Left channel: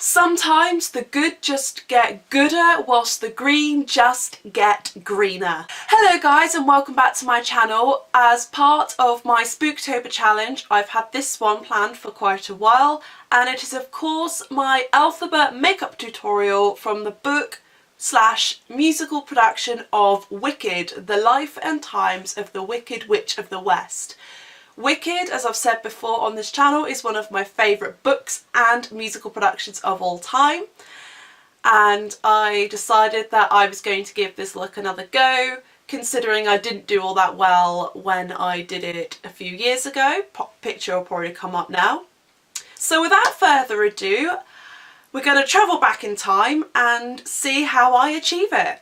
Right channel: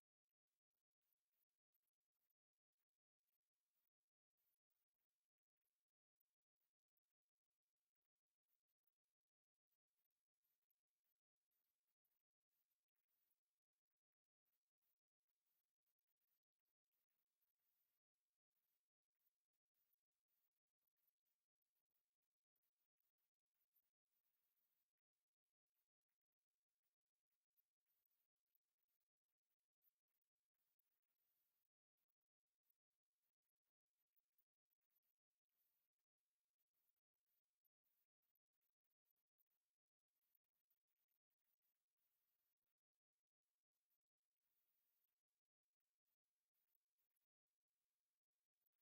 Sometimes the good just get gooder whilst the green just get greener. Hello guys and welcome back to my channel. As part of my Spooktober challenge, I've had this one planned for quite a while, and it is of course my Elphaba makeup tutorial from the book / musical production of Wicked, the life and times of the Wicked Witch of the West. Wicked, as I've said before on this channel, is one of my favourite books and musical productions of all time, and I decided that I was going to give this look another go, considering I didn't do all that well when I did it a few years ago. Picture will probably come up now. So without further ado, we're going to travel back in time and see how I achieve it.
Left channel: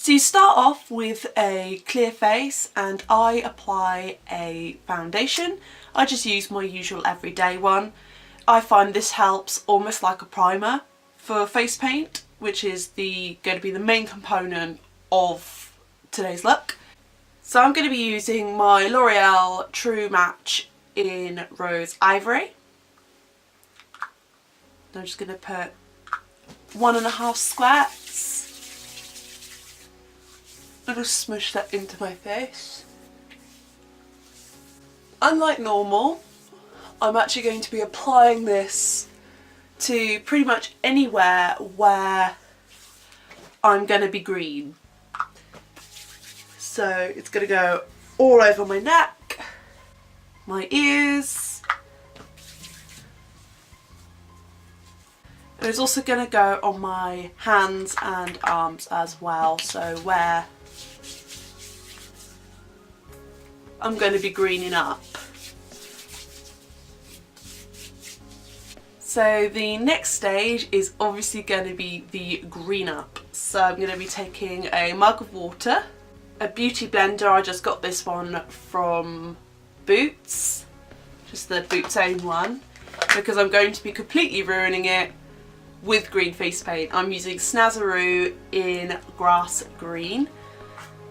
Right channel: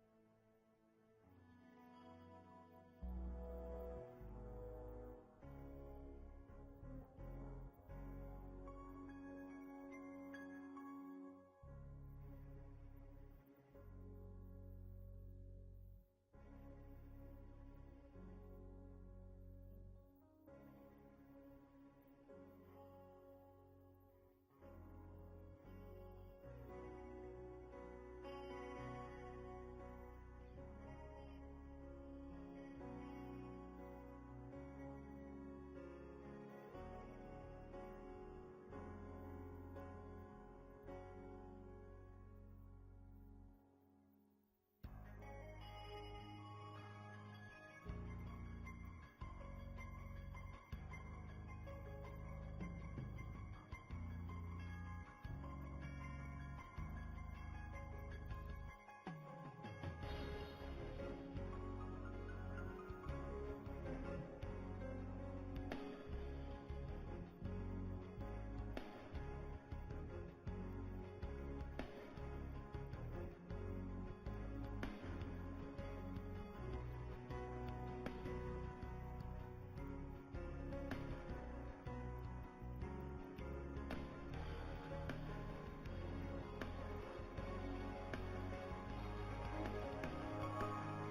So you start off with a clear face and I apply a foundation. I just use my usual everyday one. I find this helps almost like a primer for face paint, which is going to be the main component of today's look. So I'm going to be using my L'Oreal True Match in Rose Ivory. I'm just going to put 1.5 squares. I'm going to smush that into my face. Unlike normal, I'm actually going to be applying this to pretty much anywhere where I'm going to be green. So it's going to go all over my neck, my ears, and it's also going to go on my hands and arms as well, so where I'm going to be greening up. So the next stage is obviously going to be the green up. So I'm going to be taking a mug of water, a beauty blender. I just got this one from Boots, just the Boots own one, because I'm going to be completely ruining it with green face paint. I'm using Snazzaroo in Grass Green.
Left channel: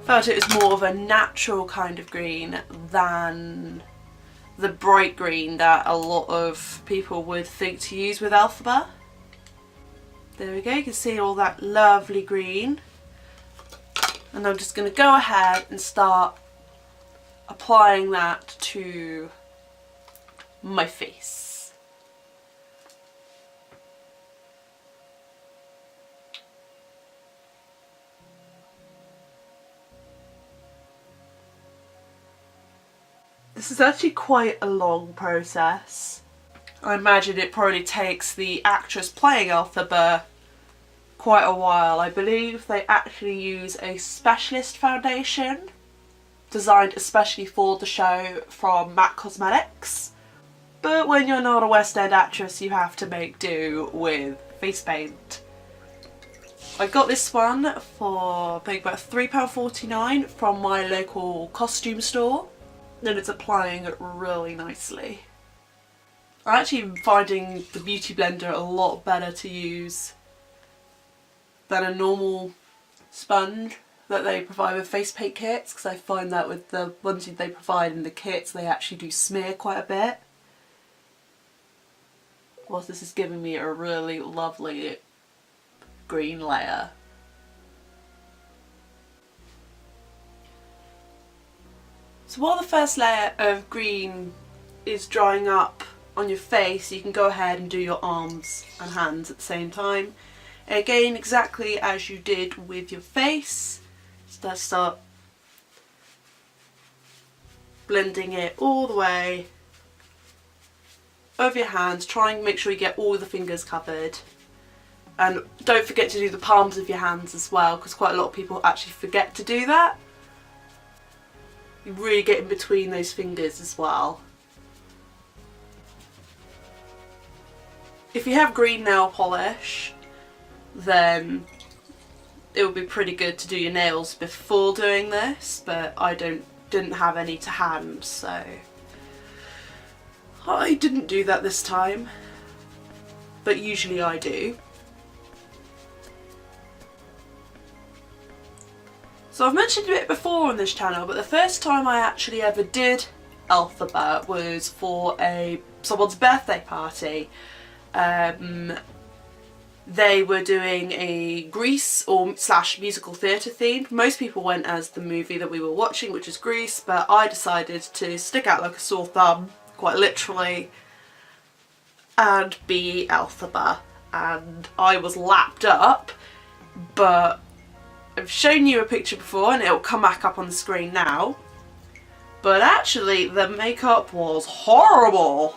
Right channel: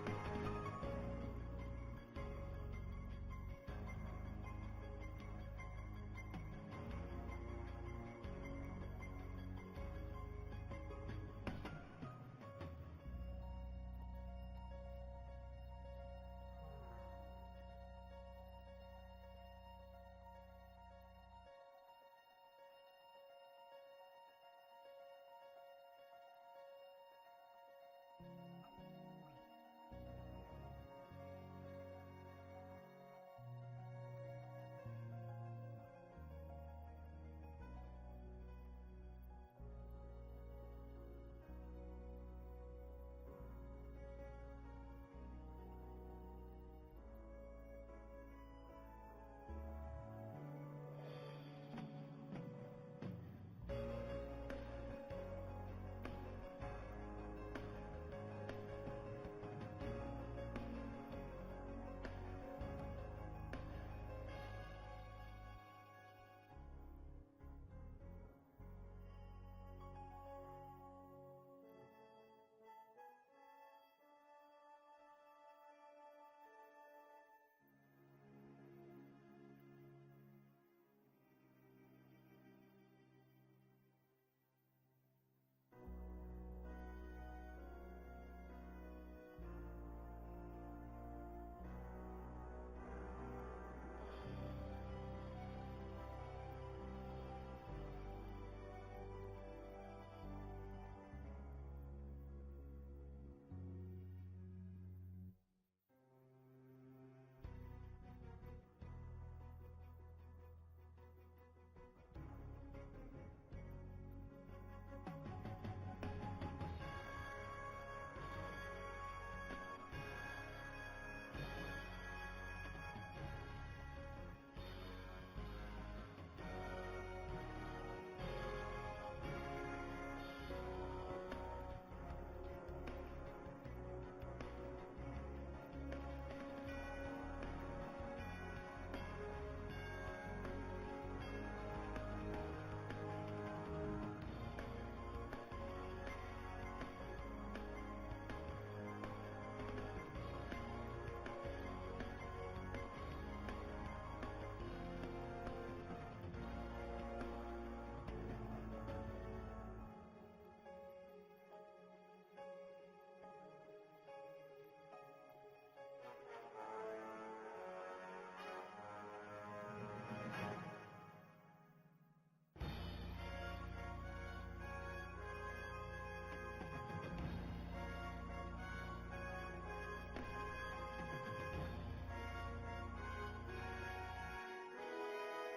Felt it was more of a natural kind of green than the bright green that a lot of people would think to use with Elphaba. There we go, you can see all that lovely green. And I'm just going to go ahead and start applying that to my face. This is actually quite a long process. I imagine it probably takes the actress playing Elphaba quite a while. I believe they actually use a specialist foundation designed especially for the show from MAC Cosmetics. But when you're not a West End actress, you have to make do with face paint. I got this one for I think about £3.49 from my local costume store. And it's applying it really nicely. I'm actually finding the beauty blender a lot better to use than a normal sponge that they provide with face paint kits, because I find that with the ones they provide in the kits they actually do smear quite a bit. Whilst this is giving me a really lovely green layer. So while the first layer of green is drying up on your face, you can go ahead and do your arms and hands at the same time. Again, exactly as you did with your face, just start blending it all the way over your hands. Try and make sure you get all the fingers covered. And don't forget to do the palms of your hands as well, because quite a lot of people actually forget to do that. You really get in between those fingers as well. If you have green nail polish, then it would be pretty good to do your nails before doing this, but I didn't have any to hand, so I didn't do that this time, but usually I do. So I've mentioned it before on this channel, but the first time I actually ever did Elphaba was for someone's birthday party. They were doing a Grease or slash musical theatre themed. Most people went as the movie that we were watching, which is Grease, but I decided to stick out like a sore thumb, quite literally, and be Elphaba. And I was lapped up, but I've shown you a picture before and it'll come back up on the screen now. But actually the makeup was horrible,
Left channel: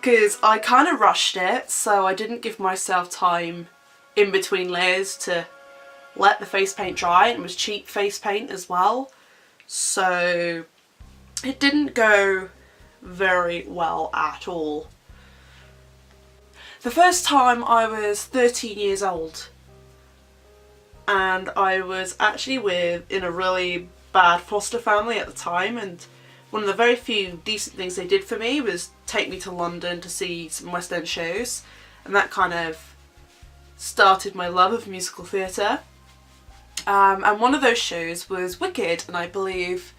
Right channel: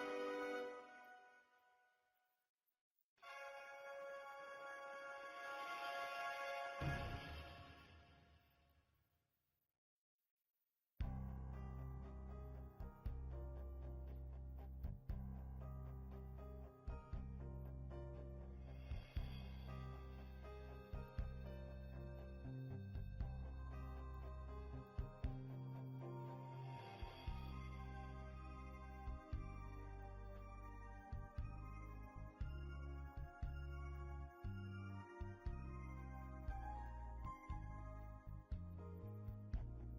because I kind of rushed it, so I didn't give myself time in between layers to let the face paint dry, and it was cheap face paint as well, so it didn't go very well at all. The first time I was 13 years old, and I was actually in a really bad foster family at the time, and one of the very few decent things they did for me was take me to London to see some West End shows, and that kind of started my love of musical theatre. And one of those shows was Wicked, and I believe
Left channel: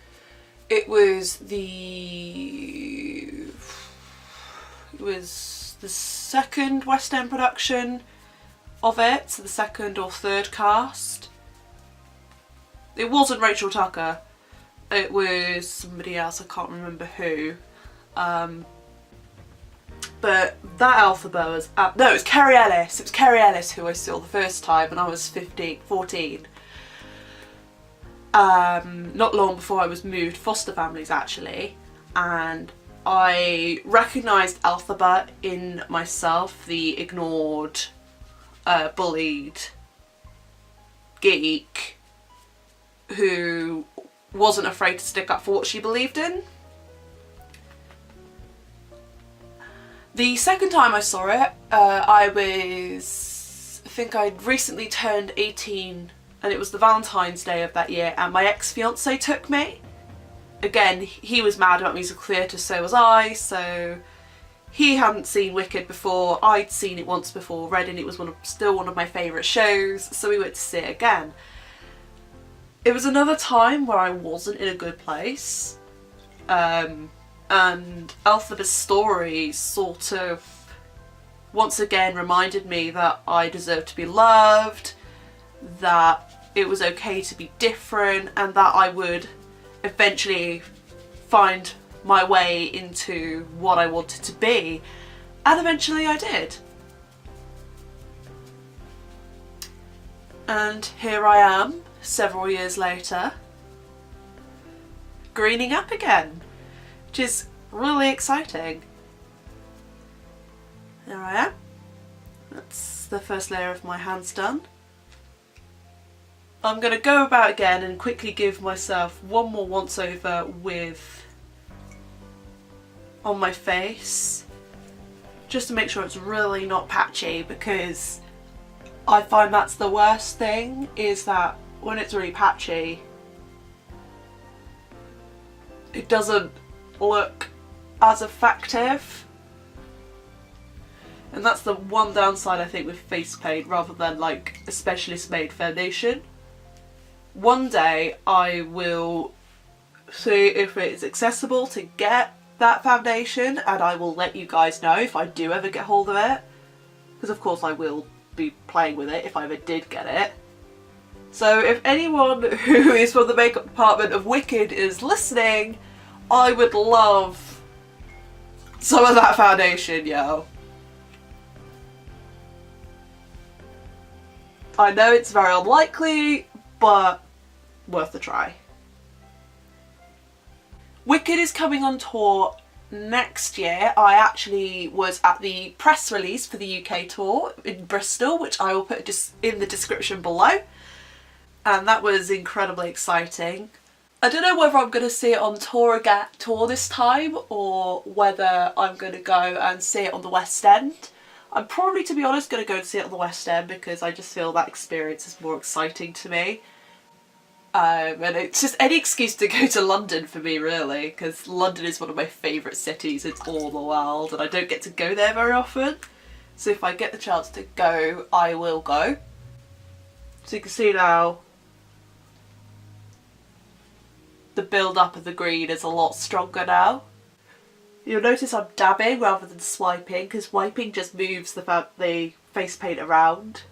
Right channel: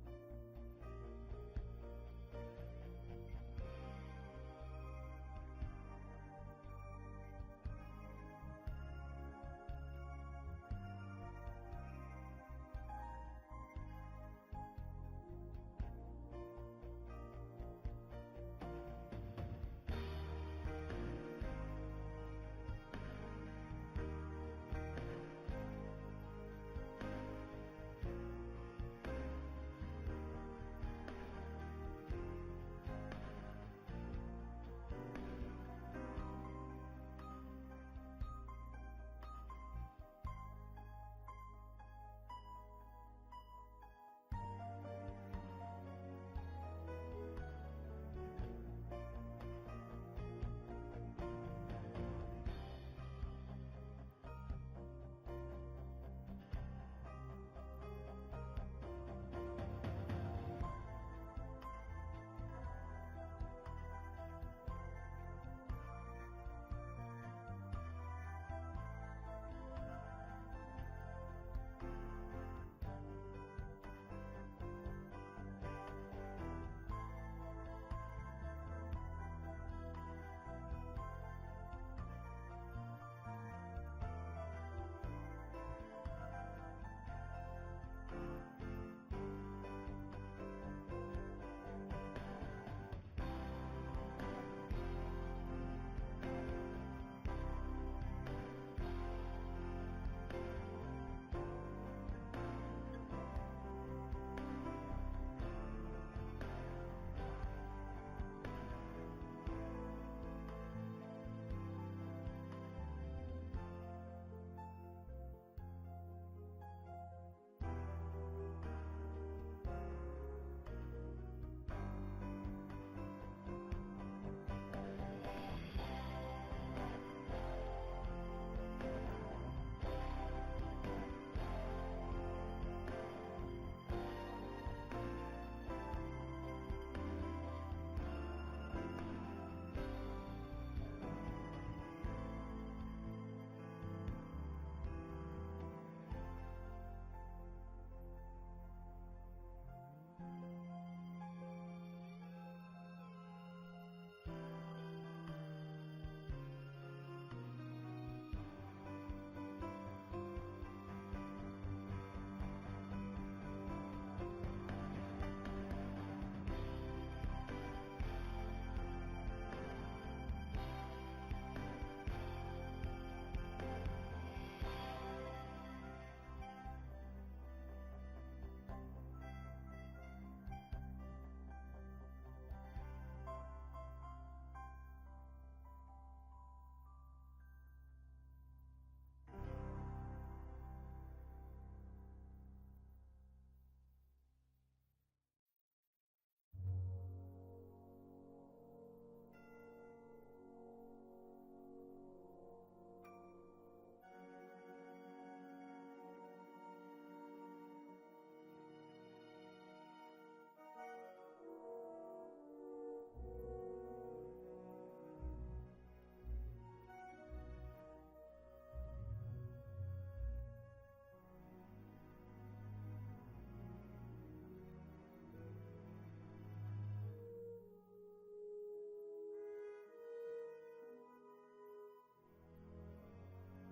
it was the second West End production of it, so the second or third cast. It wasn't Rachel Tucker, it was somebody else, I can't remember who. But that Elphaba was, no, it was Kerry Ellis. It was Kerry Ellis who I saw the first time when I was 14. Not long before I was moved foster families actually, and I recognised Elphaba in myself, the ignored, bullied geek who wasn't afraid to stick up for what she believed in. The second time I saw it, I think I'd recently turned 18, and it was the Valentine's Day of that year, and my ex-fiance took me. Again, he was mad about musical theatre, so was I, so he hadn't seen Wicked before, I'd seen it once before, read, and it was still one of my favourite shows, so we went to see it again. It was another time where I wasn't in a good place, and Elphaba's story sort of once again reminded me that I deserved to be loved, that it was okay to be different, and that I would eventually find my way into what I wanted to be, and eventually I did. And here I am, several years later, greening up again, which is really exciting. There I am. That's the first layer of my hands done. I'm going to go about again and quickly give myself one more once over on my face, just to make sure it's really not patchy, because I find that's the worst thing, is that when it's really patchy it doesn't look as effective, and that's the one downside I think with face paint rather than like a specialist made foundation. One day I will see if it's accessible to get that foundation, and I will let you guys know if I do ever get hold of it, because of course I will be playing with it if I ever did get it. So if anyone who is from the makeup department of Wicked is listening, I would love some of that foundation, yo. I know it's very unlikely, but worth a try. Wicked is coming on tour next year. I actually was at the press release for the UK tour in Bristol, which I will put in the description below, and that was incredibly exciting. I don't know whether I'm going to see it on tour this time, or whether I'm going to go and see it on the West End. I'm probably, to be honest, going to go and see it on the West End because I just feel that experience is more exciting to me. And it's just any excuse to go to London for me, really, because London is one of my favourite cities in all the world, and I don't get to go there very often. So if I get the chance to go, I will go. So you can see now, the build up of the green is a lot stronger now. You'll notice I'm dabbing rather than swiping, because wiping just moves the face paint around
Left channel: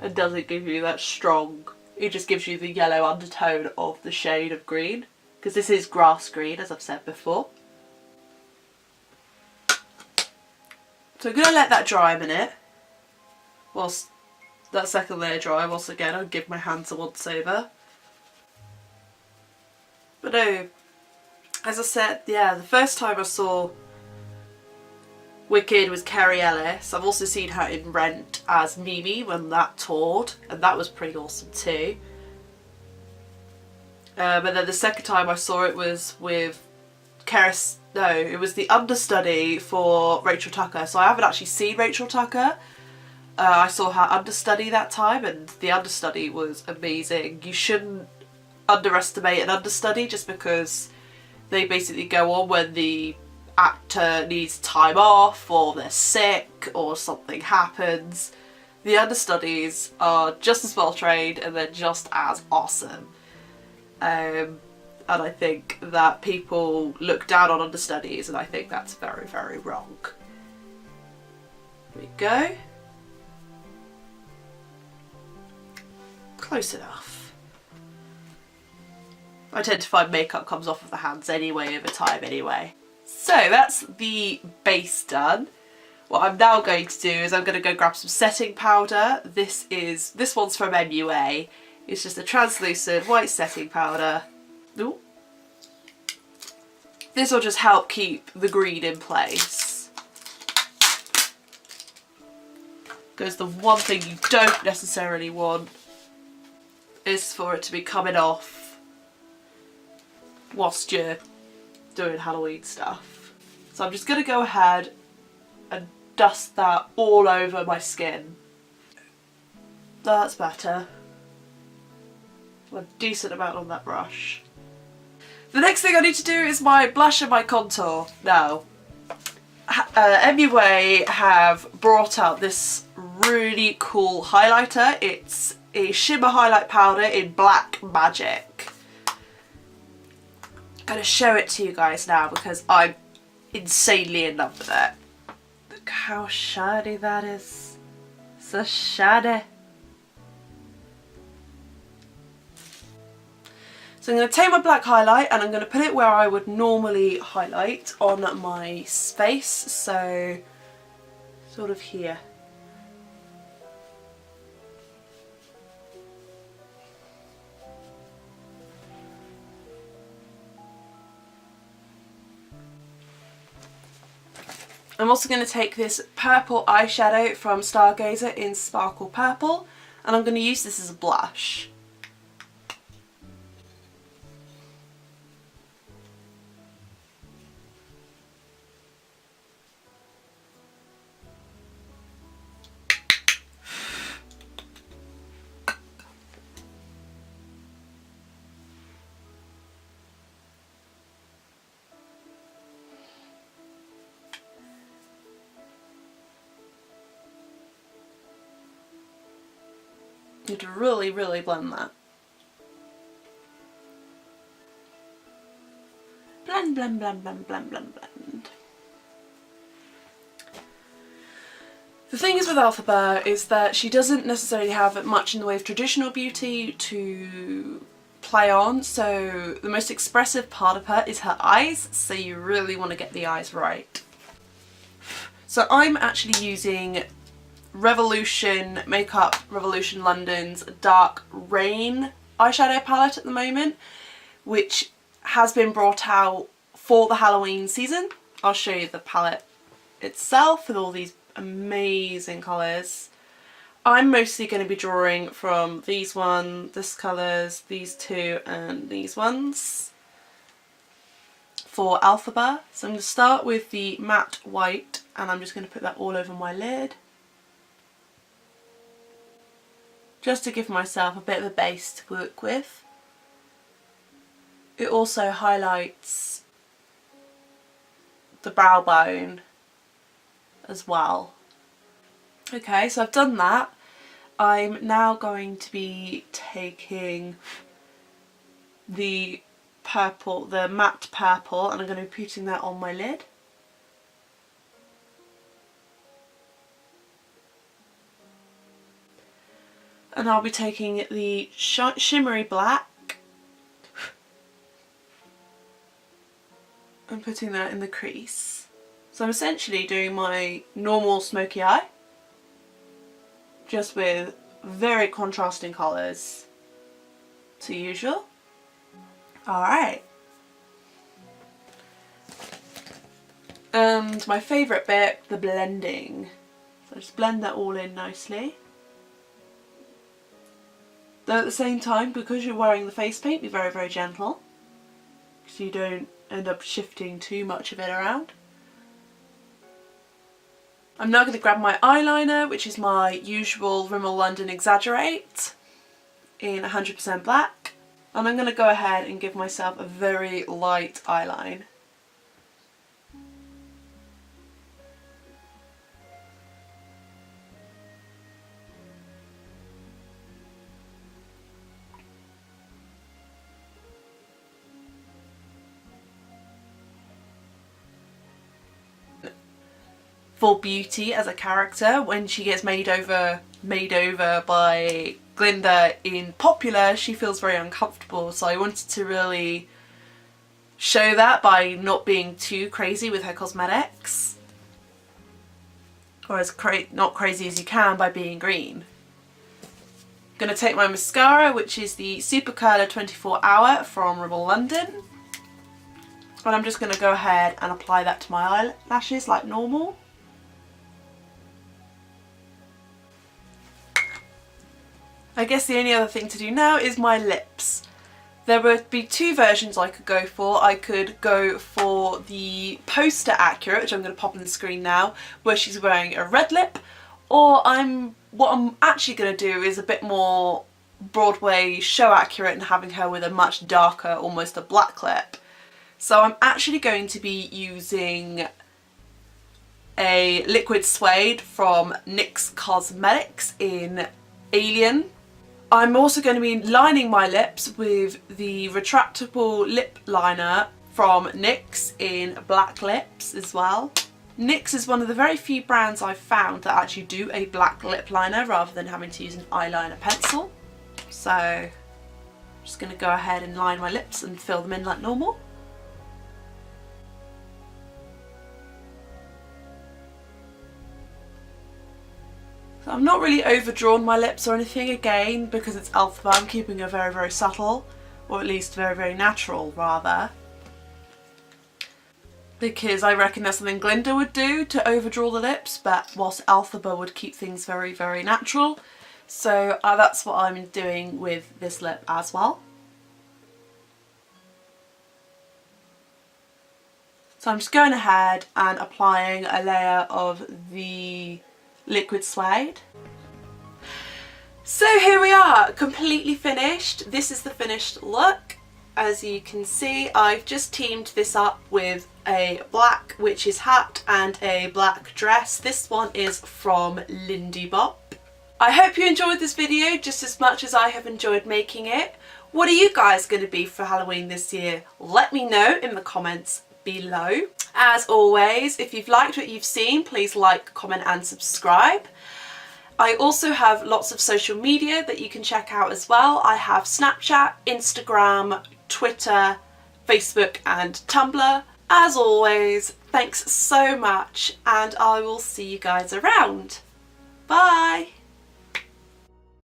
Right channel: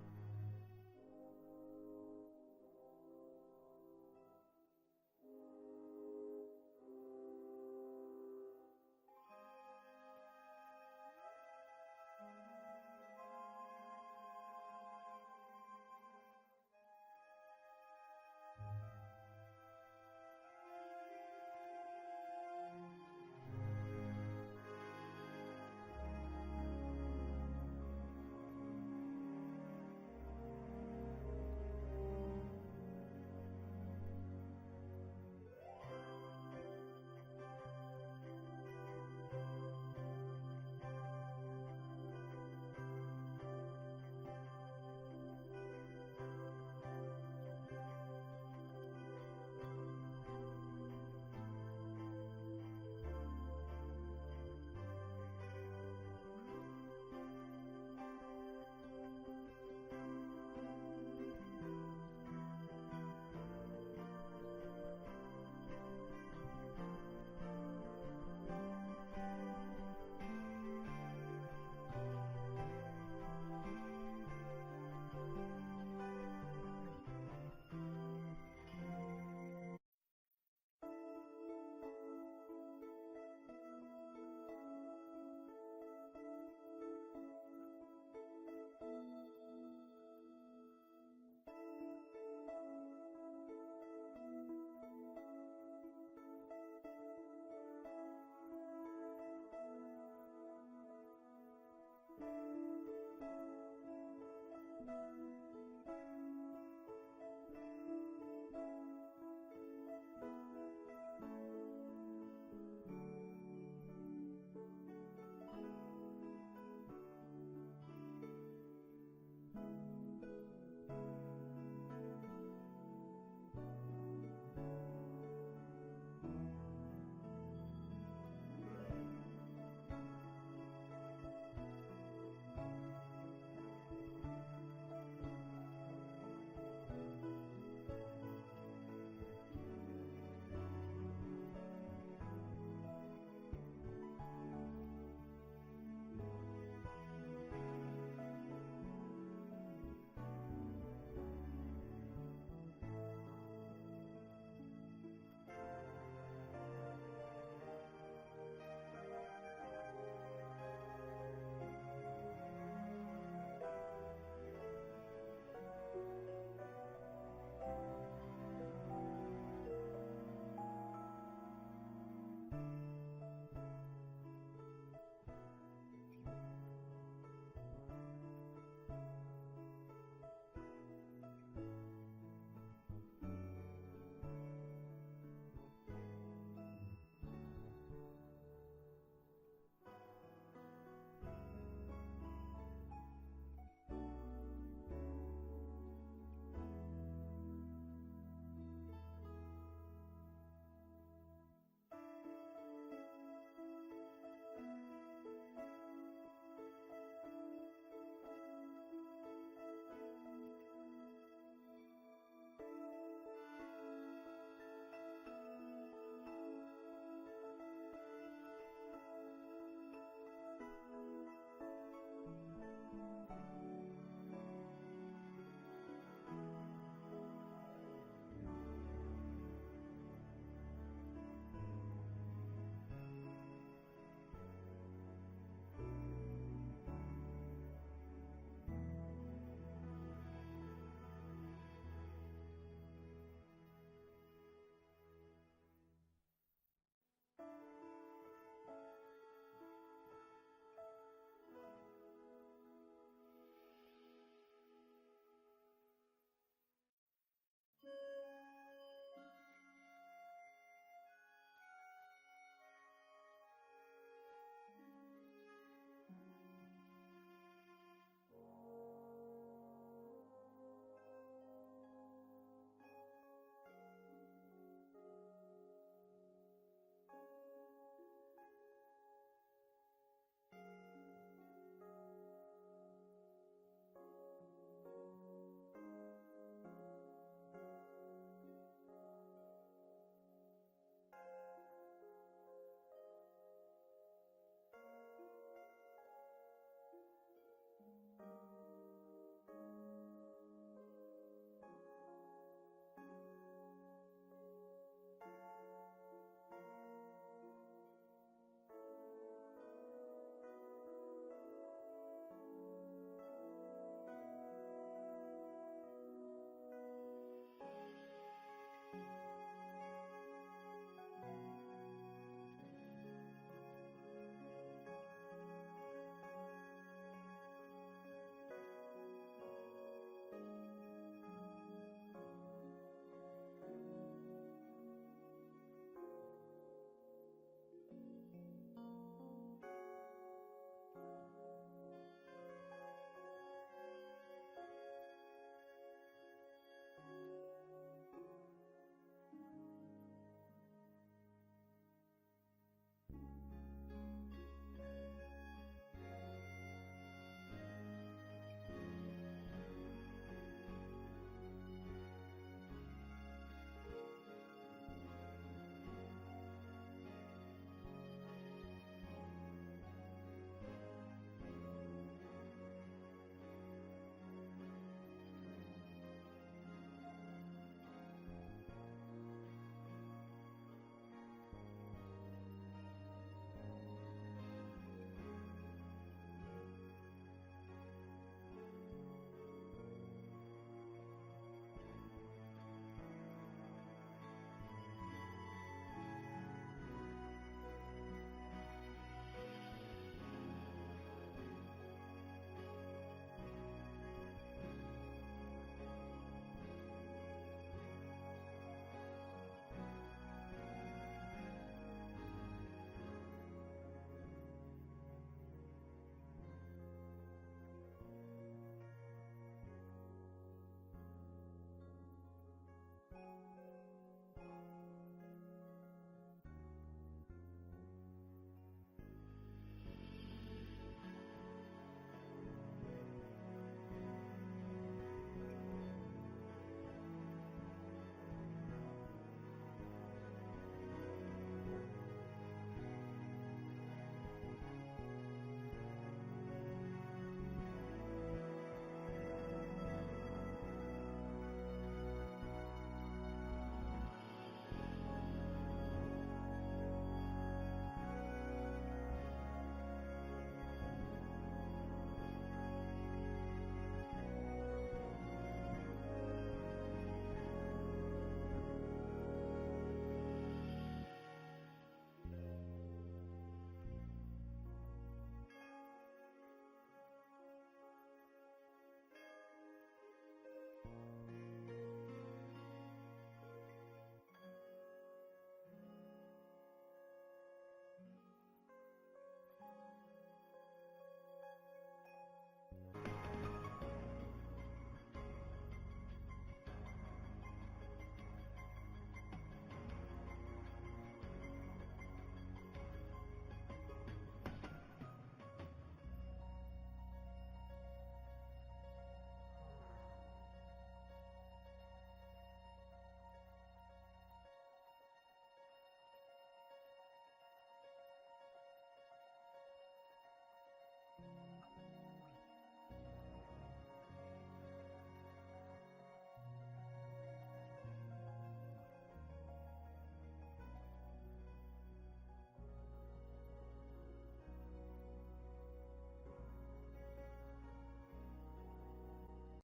and doesn't give you that strong, it just gives you the yellow undertone of the shade of green, because this is grass green, as I've said before. So I'm going to let that dry a minute, whilst that second layer dry, whilst again I'll give my hands a once over. But no, as I said, yeah, the first time I saw Wicked was Kerry Ellis. I've also seen her in Rent as Mimi when that toured, and that was pretty awesome too. But then the second time I saw it was with it was the understudy for Rachel Tucker. So I haven't actually seen Rachel Tucker. I saw her understudy that time, and the understudy was amazing. You shouldn't underestimate an understudy just because they basically go on when the actor needs time off or they're sick or something happens. The understudies are just as well trained and they're just as awesome. And I think that people look down on understudies, and I think that's very, very wrong. There we go. Close enough. I tend to find makeup comes off of the hands anyway over time anyway. So that's the base done. What I'm now going to do is I'm going to go grab some setting powder. This one's from MUA. It's just a translucent white setting powder. Ooh. This will just help keep the green in place. Because the one thing you don't necessarily want is for it to be coming off whilst you're doing Halloween stuff. So I'm just going to go ahead and dust that all over my skin. That's better. A decent amount on that brush. The next thing I need to do is my blush and my contour. Now, MUA have brought out this really cool highlighter. It's a shimmer highlight powder in Black Magic. I'm going to show it to you guys now because I'm insanely in love with it. Look how shiny that is. So shiny. So I'm going to take my black highlight and I'm going to put it where I would normally highlight on my face, so sort of here. I'm also going to take this purple eyeshadow from Stargazer in Sparkle Purple, and I'm going to use this as a blush. You have to really, really blend that. Blend, blend, blend, blend, blend, blend, blend. The thing is with Elphaba is that she doesn't necessarily have much in the way of traditional beauty to play on, so the most expressive part of her is her eyes, so you really want to get the eyes right. So I'm actually using Makeup Revolution London's Dark Rain eyeshadow palette at the moment, which has been brought out for the Halloween season. I'll show you the palette itself with all these amazing colours. I'm mostly going to be drawing from these this colours, these two and these ones for Elphaba. So I'm going to start with the matte white and I'm just going to put that all over my lid, just to give myself a bit of a base to work with. It also highlights the brow bone as well. Okay, so I've done that. I'm now going to be taking the purple, the matte purple, and I'm going to be putting that on my lid. And I'll be taking the shimmery black and putting that in the crease. So I'm essentially doing my normal smoky eye, just with very contrasting colours to usual. Alright. And my favourite bit, the blending. So just blend that all in nicely. Though at the same time, because you're wearing the face paint, be very, very gentle, so you don't end up shifting too much of it around. I'm now going to grab my eyeliner, which is my usual Rimmel London Exaggerate in 100% black, and I'm going to go ahead and give myself a very light eyeline. For Beauty as a character, when she gets made over by Glinda in Popular, she feels very uncomfortable, so I wanted to really show that by not being too crazy with her cosmetics, or as not crazy as you can by being green. I'm going to take my mascara, which is the Super Curler 24 Hour from Rimmel London, and I'm just going to go ahead and apply that to my eyelashes like normal. I guess the only other thing to do now is my lips. There would be two versions I could go for. I could go for the poster accurate, which I'm going to pop on the screen now, where she's wearing a red lip, or what I'm actually going to do is a bit more Broadway show accurate and having her with a much darker, almost a black lip. So I'm actually going to be using a liquid suede from NYX Cosmetics in Alien. I'm also going to be lining my lips with the retractable lip liner from NYX in Black Lips as well. NYX is one of the very few brands I've found that actually do a black lip liner rather than having to use an eyeliner pencil. So I'm just going to go ahead and line my lips and fill them in like normal. So I've not really overdrawn my lips or anything, again, because it's Elphaba. I'm keeping it very, very subtle, or at least very, very natural, rather. Because I reckon that's something Glinda would do, to overdraw the lips, but whilst Elphaba would keep things very, very natural. So that's what I'm doing with this lip as well. So I'm just going ahead and applying a layer of the liquid suede. So here we are, completely finished. This is the finished look. As you can see, I've just teamed this up with a black witch's hat and a black dress. This one is from Lindy Bop. I hope you enjoyed this video just as much as I have enjoyed making it. What are you guys going to be for Halloween this year? Let me know in the comments below. As always, if you've liked what you've seen, please like, comment and subscribe. I also have lots of social media that you can check out as well. I have Snapchat, Instagram, Twitter, Facebook and Tumblr. As always, thanks so much and I will see you guys around.